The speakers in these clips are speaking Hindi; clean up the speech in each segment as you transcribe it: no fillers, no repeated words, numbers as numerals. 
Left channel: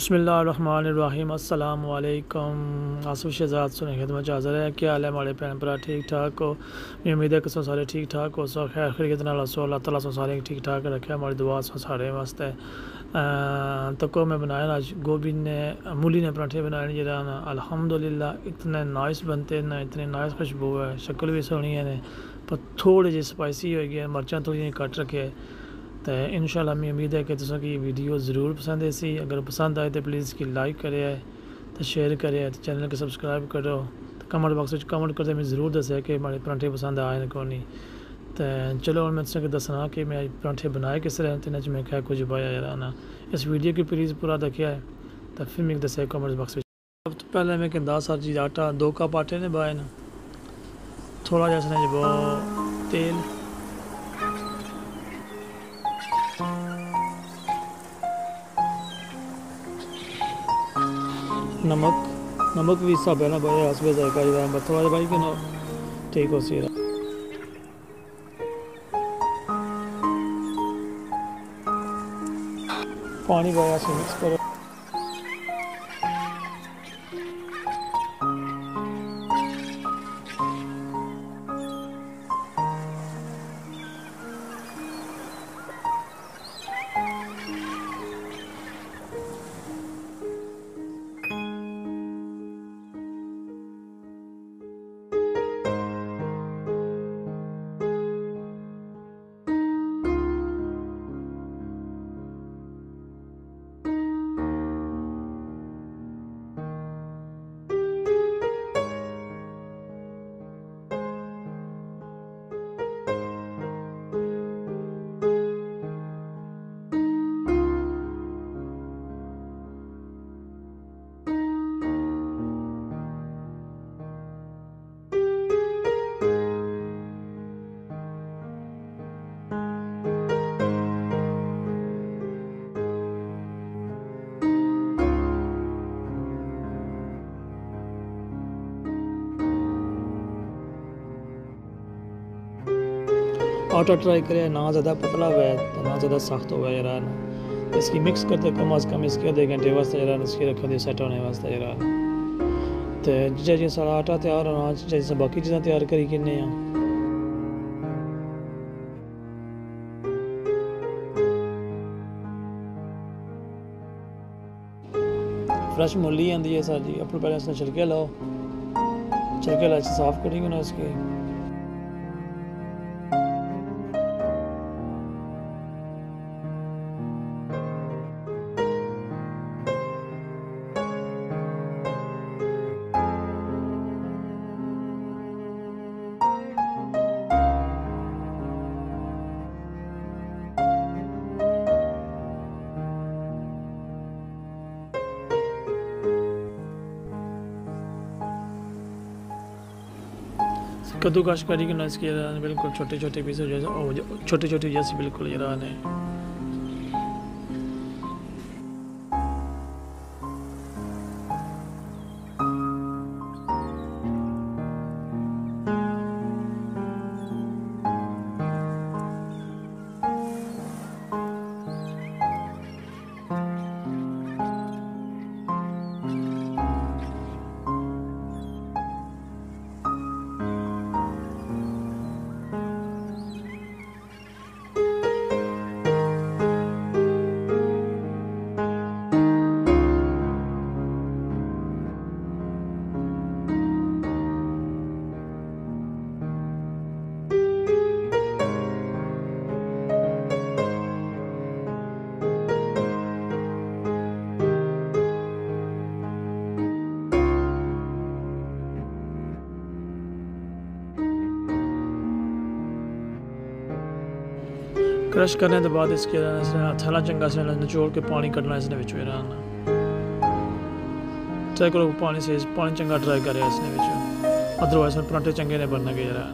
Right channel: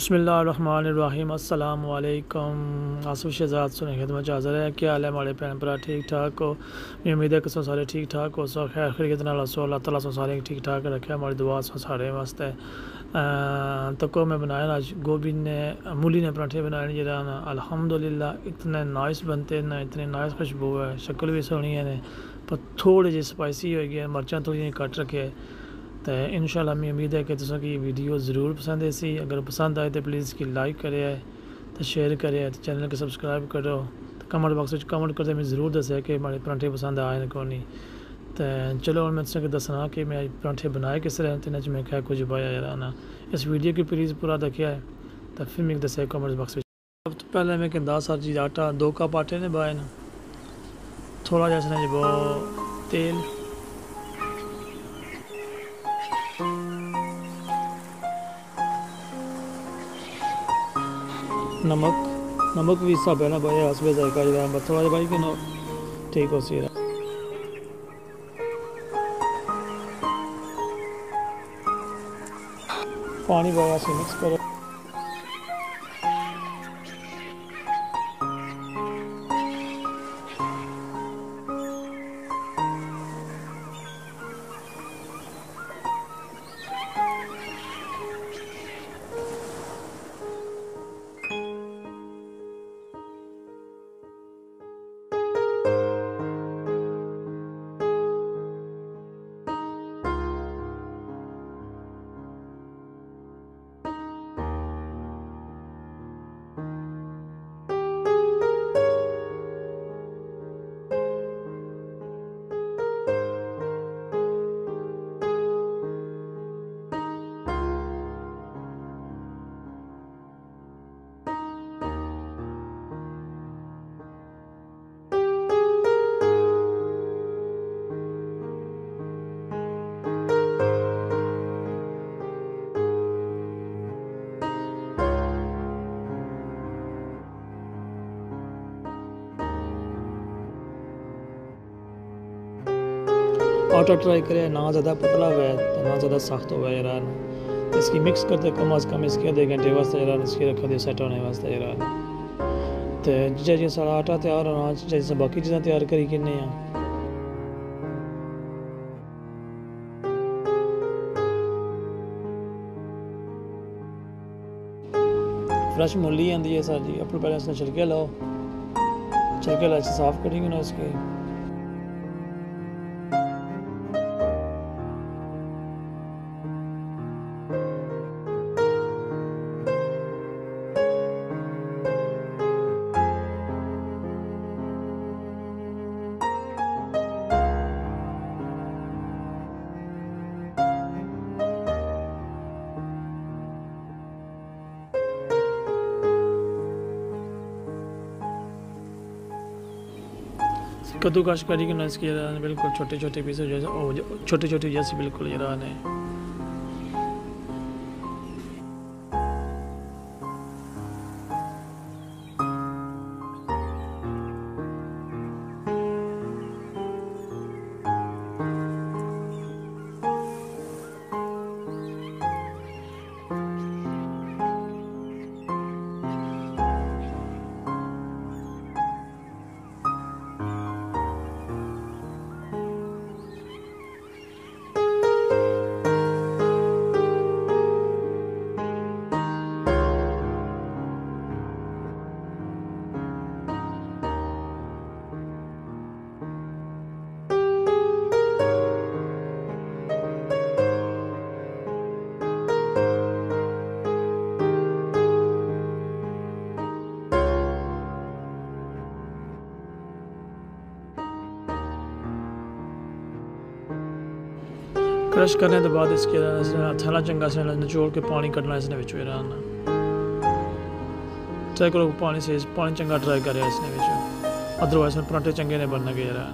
बिस्मिल्लाहिर्रहमानिर्रहीम अस्सलाम वालेकुम। आसिफ शहजाद सुने खिदमत हाज़िर है। क्या हाल है हमारे भैन भरा, ठीक ठाक हो? मैं उम्मीद है कि सो सारे ठीक ठाक हो, सो खैर खैरियत नाल सो अल्लाह ताला सो सारे ठीक ठाक रखे। हमारी दुआ सो सारे वास्ते तो को मैं बनाया आज गोभी ने मूली ने पराठे बनाए जरा ना अल्हम्दुलिल्लाह इतने नाइस बनते ना, इतने नाइस खुशबू है, शक्ल भी सोहनी है ने, पर थोड़े जे स्पाइसी हो गए, मिर्चां थोड़ी कट रखे। तो इंशाल्लाह मैं उम्मीद है कि तुम की वीडियो ज़रूर पसंद है सी। अगर पसंद आए तो प्लीज़ की लाइक करे तो शेयर करे तो चैनल को सब्सक्राइब करो। तो कमेंट बॉक्स में कमेंट करते मैं ज़रूर दसे कि हमारे पराठे पसंद आए को नहीं। तो चलो मैं तुझे दसना कि मैं पराठे बनाए किस तरह तो मैं क्या कुछ पाया यार ना। इस वीडियो की प्लीज़ पूरा देखिया है तो फिर मैं दसे कमेंट बॉक्स में। सब तो पहले मैं कहता सारी चीज़ आटा 2 कप आटे ने पाए ना, थोड़ा जैसा वो तेल, नमक भी हिसाब है ना भाई, हसबे जायका जो थोड़ा भाई कि ना ठीक हो सी। पानी पाया से मिक्स करो। आटा ट्राई करें, ना ज़्यादा पतला हुआ है ना ज़्यादा सख्त हुआ है यार ना। इसकी मिक्स करते कम अज़ कम इसके आधे घंटे वास्ते यार इसकी रखो दे सेट होने वास्ते यार। तो जिस सारा आटा तैयार होना जैसे बाकी चीज़ें तैयार करी किन्ने हैं। फ्रेश मूली आती है सर जी, अपने पहले इसने छिलके लाओ, छिलके ला साफ़ करेंगे ना इसके। कद्दूकश करी कि ना इसकी बिल्कुल छोटे छोटे पीस जैसे छोटे छोटे जैसे बिल्कुल जरा ने। क्रश करने के बाद इसके थैला चंगा से निचोड़ के पानी कटना इसने विच ट्राई करो, पानी से पानी चंगा ट्राई करे इसने विच, अदरवाइज पराठे चंगे ने बनने के जरा।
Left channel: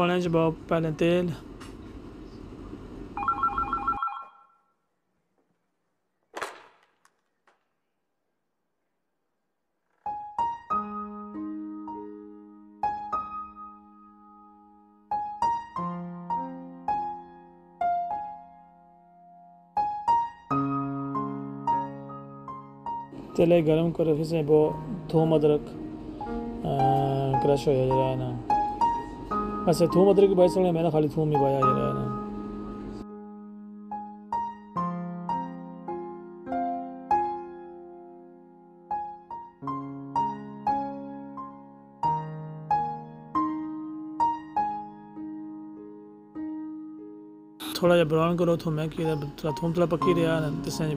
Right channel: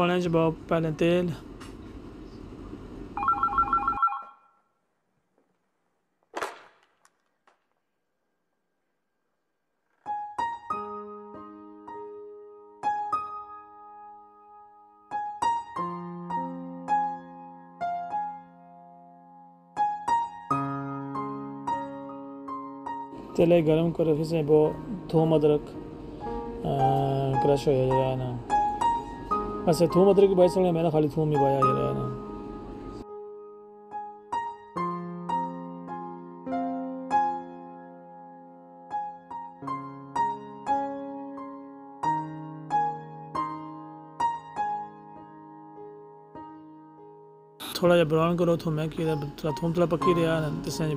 पाने च पाओ पहले तेल, तेल गर्म करो, फिर से वो थूम अदरक क्रश हो जरा है ना। वैसे थूम अदरक की बात सुने, मैंने खाली थूम ही पाया जरा है ना। थोड़ा जहा ब्राउन करो थूम की, थूम थोड़ा पक्की रहा ना जिससे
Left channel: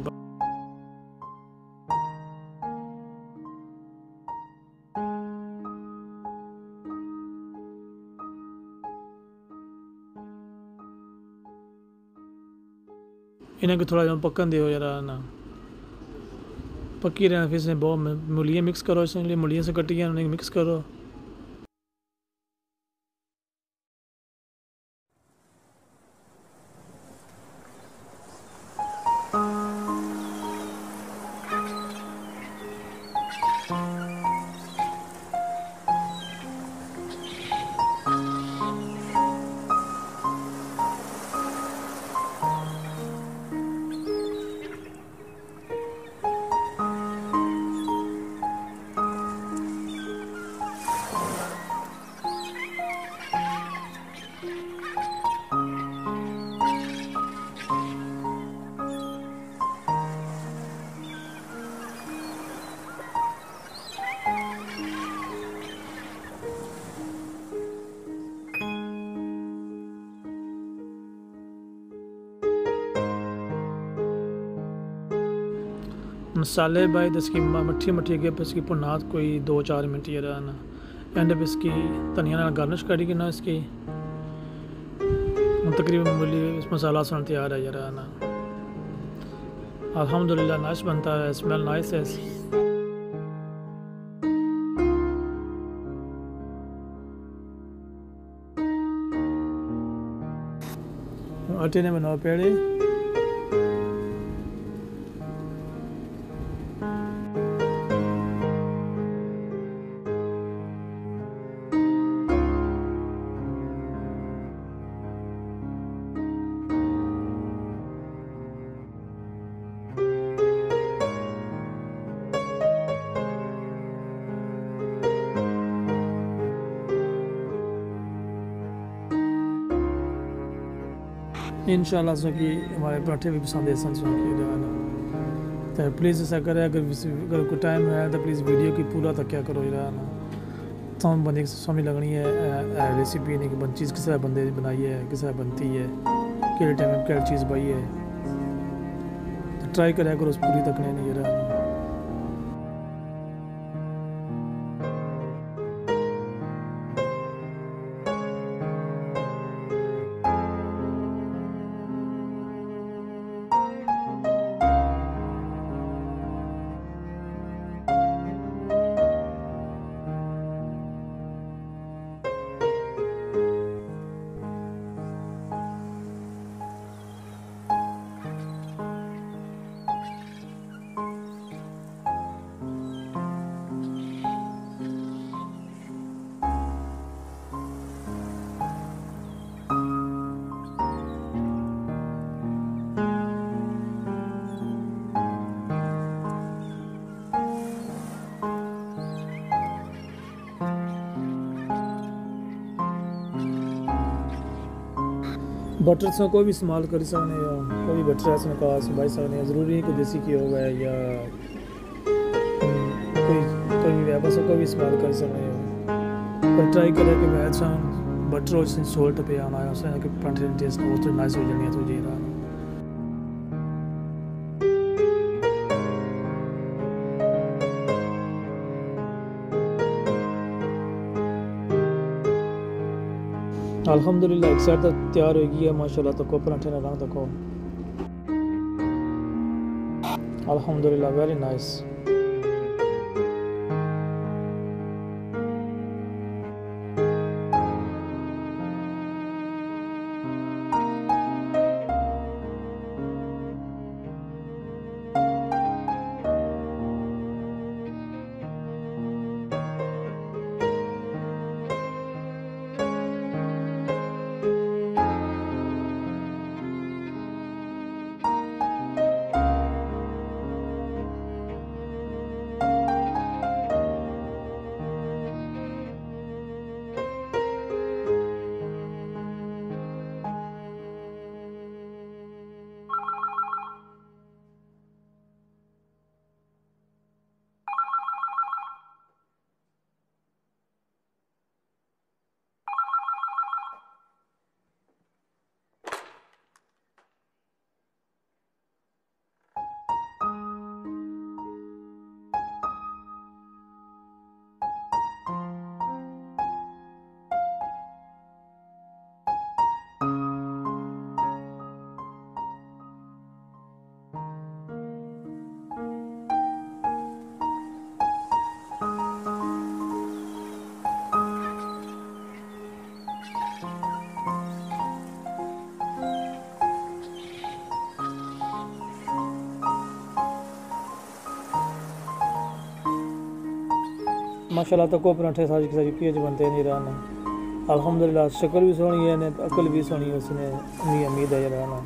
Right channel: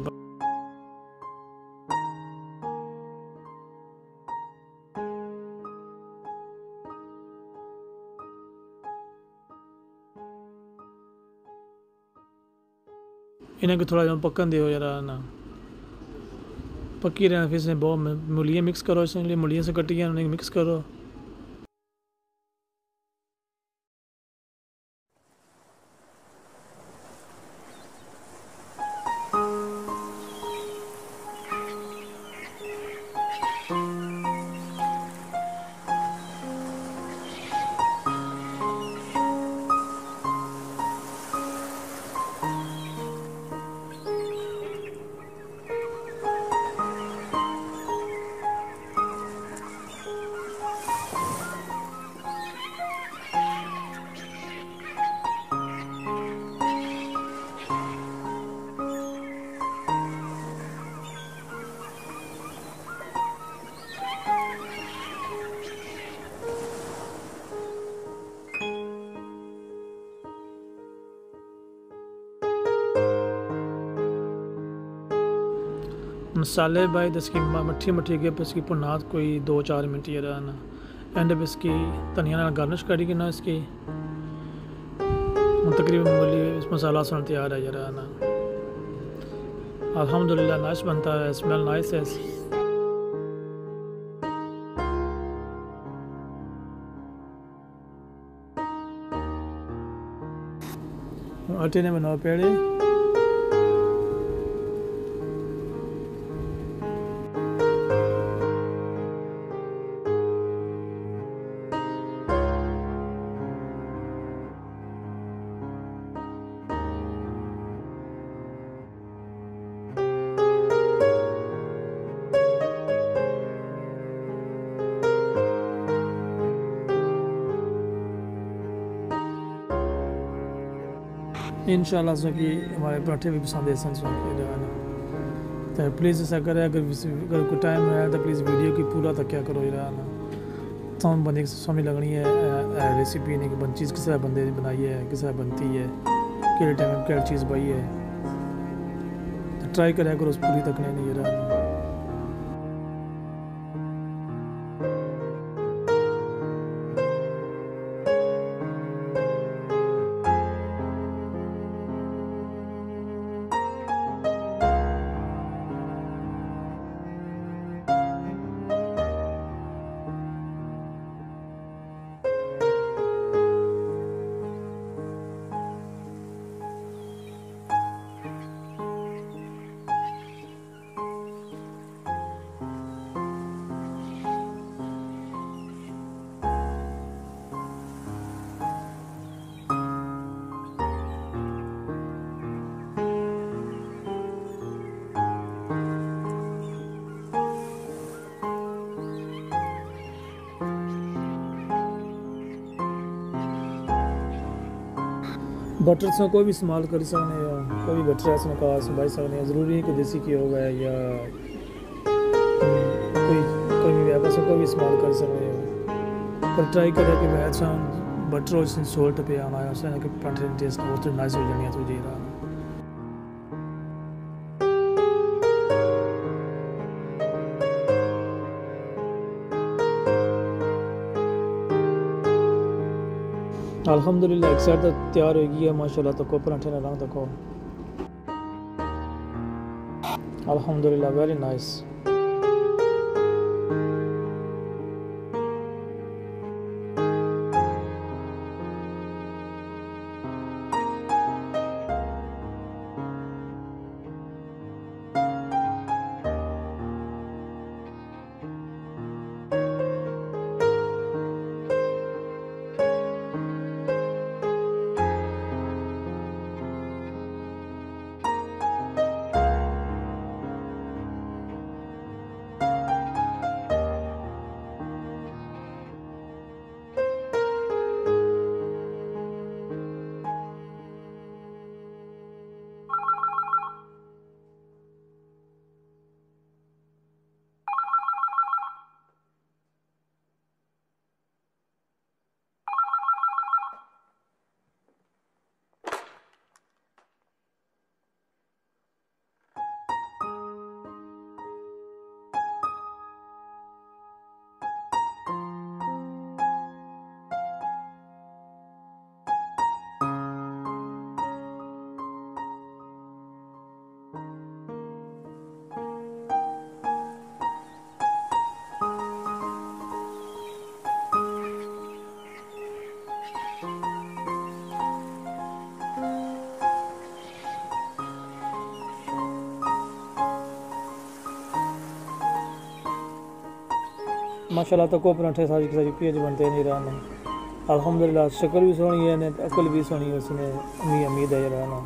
इन्हें को थोड़ा पकन दो यार ना, पक्की रहना। फिर से बहुत मूलियाँ मिक्स करो, इसलिए मूलियाँ से कटी हैं उन्हें मिक्स करो। मसाले भाई इसकी मट्ठी मट्ठी के इसकी पुनात कोई 2-4 मिनट ये रहा ना। एंड पे इसकी धनिया गार्निश करी कि ना इसकी तकरीबन मूली इस मसाला सुन तैयार है ये रहा ना। अल्हम्दुलिल्लाह नाइस बनता है, स्मेल नाइस है। आटे ने बनाओ पेड़े, इंशाल्लाह सो कि हमारे पराठे भी पसंद है सन सो कि ना। तो प्लीज़ ऐसा करें, अगर कोई टाइम है तो प्लीज़ वीडियो की पूरा तक क्या करो जरा ना। तो बंदे की समझ लगनी है रेसिपी नहीं कि चीज़ किस बंदे ने बनाई है, किस बनती है, कि टाइम में क्या चीज़ पाई है। तो ट्राई करें करो उस पूरी तकने नहीं जरा ना। बटर से कोई भी इस्तेमाल कर सकते हैं, कोई भी बटर ऐसा का भाई सकते हैं। ज़रूरी नहीं कोई देसी घी होगा या कोई भी व्यापार से कोई भी इस्तेमाल कर सकते हैं। पर ट्राई करें कि वैसा बटर और सोल्ट पे आना है उससे कि पराठे टेस्ट बहुत नाइस हो जानी है। तो जी रहा अल्हम्दुलिल्लाह एक साइड तो तैयार हो गई है माशाल्लाह। तको पराठे ना रंग तको अल्हम्दुलिल्लाह वेरी नाइस। माशाल्लाह तो को पराठे सारी की सारी पेज बनते नहीं रहना। अल्हम्दुलिल्लाह शक्ल भी सोहनी है ने अकल भी सोहनी है उसने उम्मीद है रहना।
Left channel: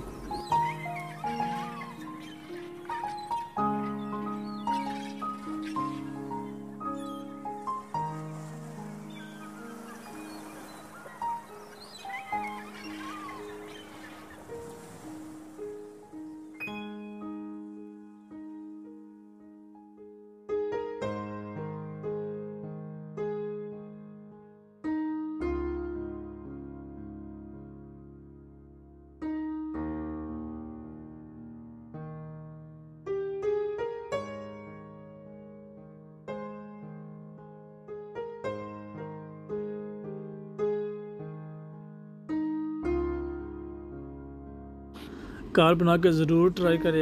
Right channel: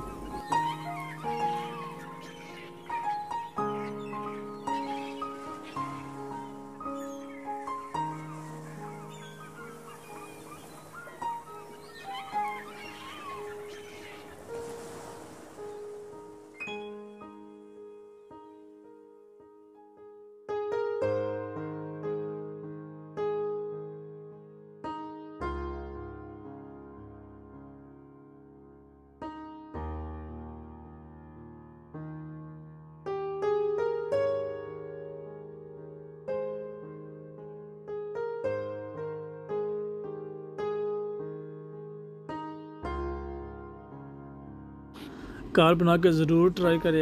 घर बना के ज़रूर ट्राई करे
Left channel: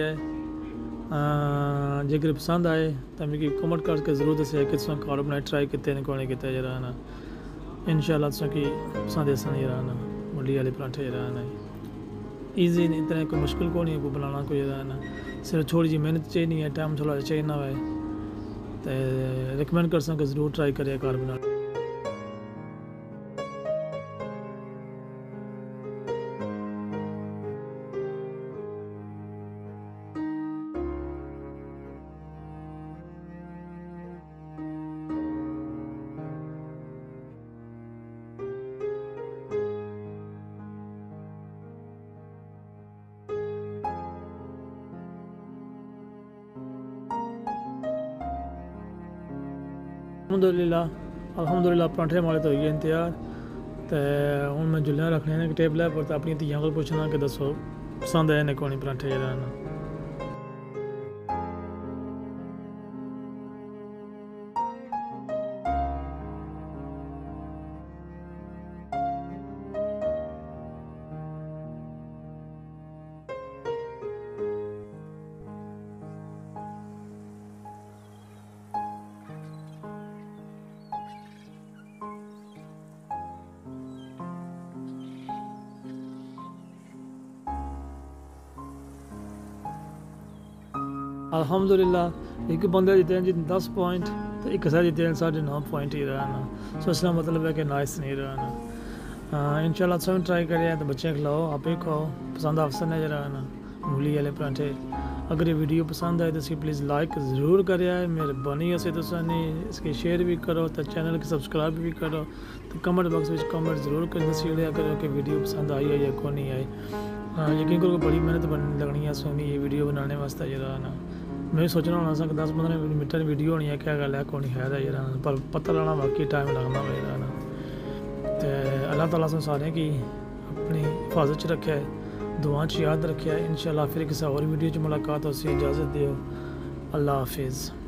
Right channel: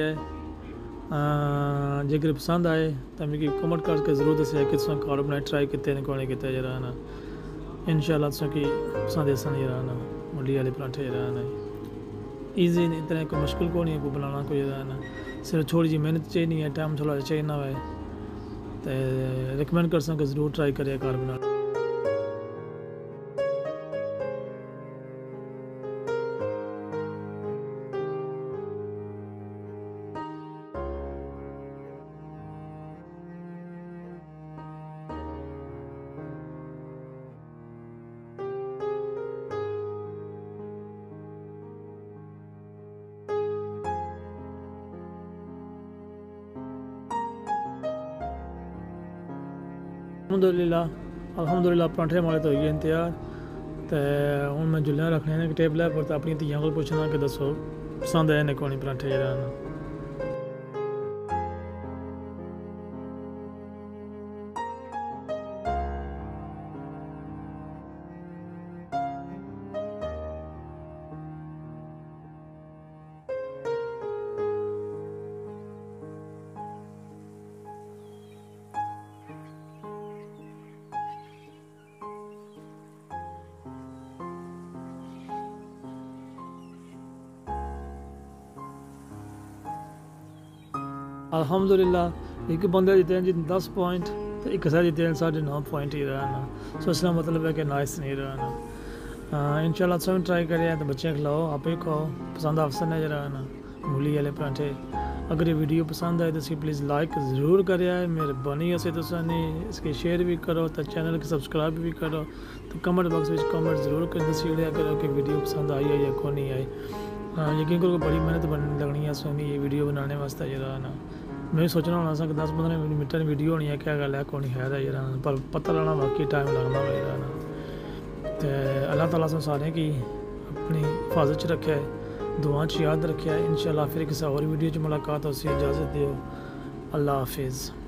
जेकर पसंद आए तो मिगी कमेंट करके ज़रूर दस्सेआ कि तुसें घर बनाए ट्राई किते ने कोने किते जरा ना। इंशाल्लाह तुसें की पसंद आसन जरा ना। मूली वाले पराठे जरा ना ईजी इतना कोई मुश्किल को नहीं है कोई बनाना कोई जरा ना। सिर्फ थोड़ी जी मेहनत चाहिए है टाइम थोड़ा चाहिए ना है तो रिकमेंड कर सकें ज़रूर ट्राई करिए घर बना। अल्हम्दुलिल्लाह पराठे माले तो हो गए तैयार तो हूँ मैं जुल्लियाँ रखने ने टेबल पर तो अपनी धियां को पूछना कि दसो पसंद आए ने कौन पराठे जरा ना। अल्हम्दुलिल्लाह एक बंदे जीते हैं जी 10 पॉइंट तो एक साथ जीते हैं 9.5 पॉइंट ही रहना। सो इसका मतलब है कि नाइस नहीं रहना। इंशाल्लाह सब ट्राई करें तो बच्चे खिलाओ आप ही खाओ पसंद अफसर है जरा ना मूली वाले पराठे। अगर ये वीडियो पसंद आए तो इसकी प्लीज़ लाइक ज़रूर करें मेहरबानी है तो इसकी शेयर भी करो तो चैनल की सब्सक्राइब भी करो तो कमेंट बॉक्स में कमेंट ज़रूर कर दसिया करो कि वीडियो पसंद आई है या को नहीं आई। यकीन करो बड़ी मेहनत लगनी है सोनी ये वीडियो बनाने वास्ते जरा ना। मैं सोचना होना सा कि 10-15 मिनट की वीडियो होनी है क्या गल है कौन है जरा पर पता लगना वाकई टाइम लगना जरा ना। तो अल्लाह ताला से सारे की अपनी हिफाजत च रखे दुआ च याद रखे। इंशाल्लाह फिर किसी और वीडियो च मुलाकात हो इजाज़त दियो। अल्लाह हाफिज़।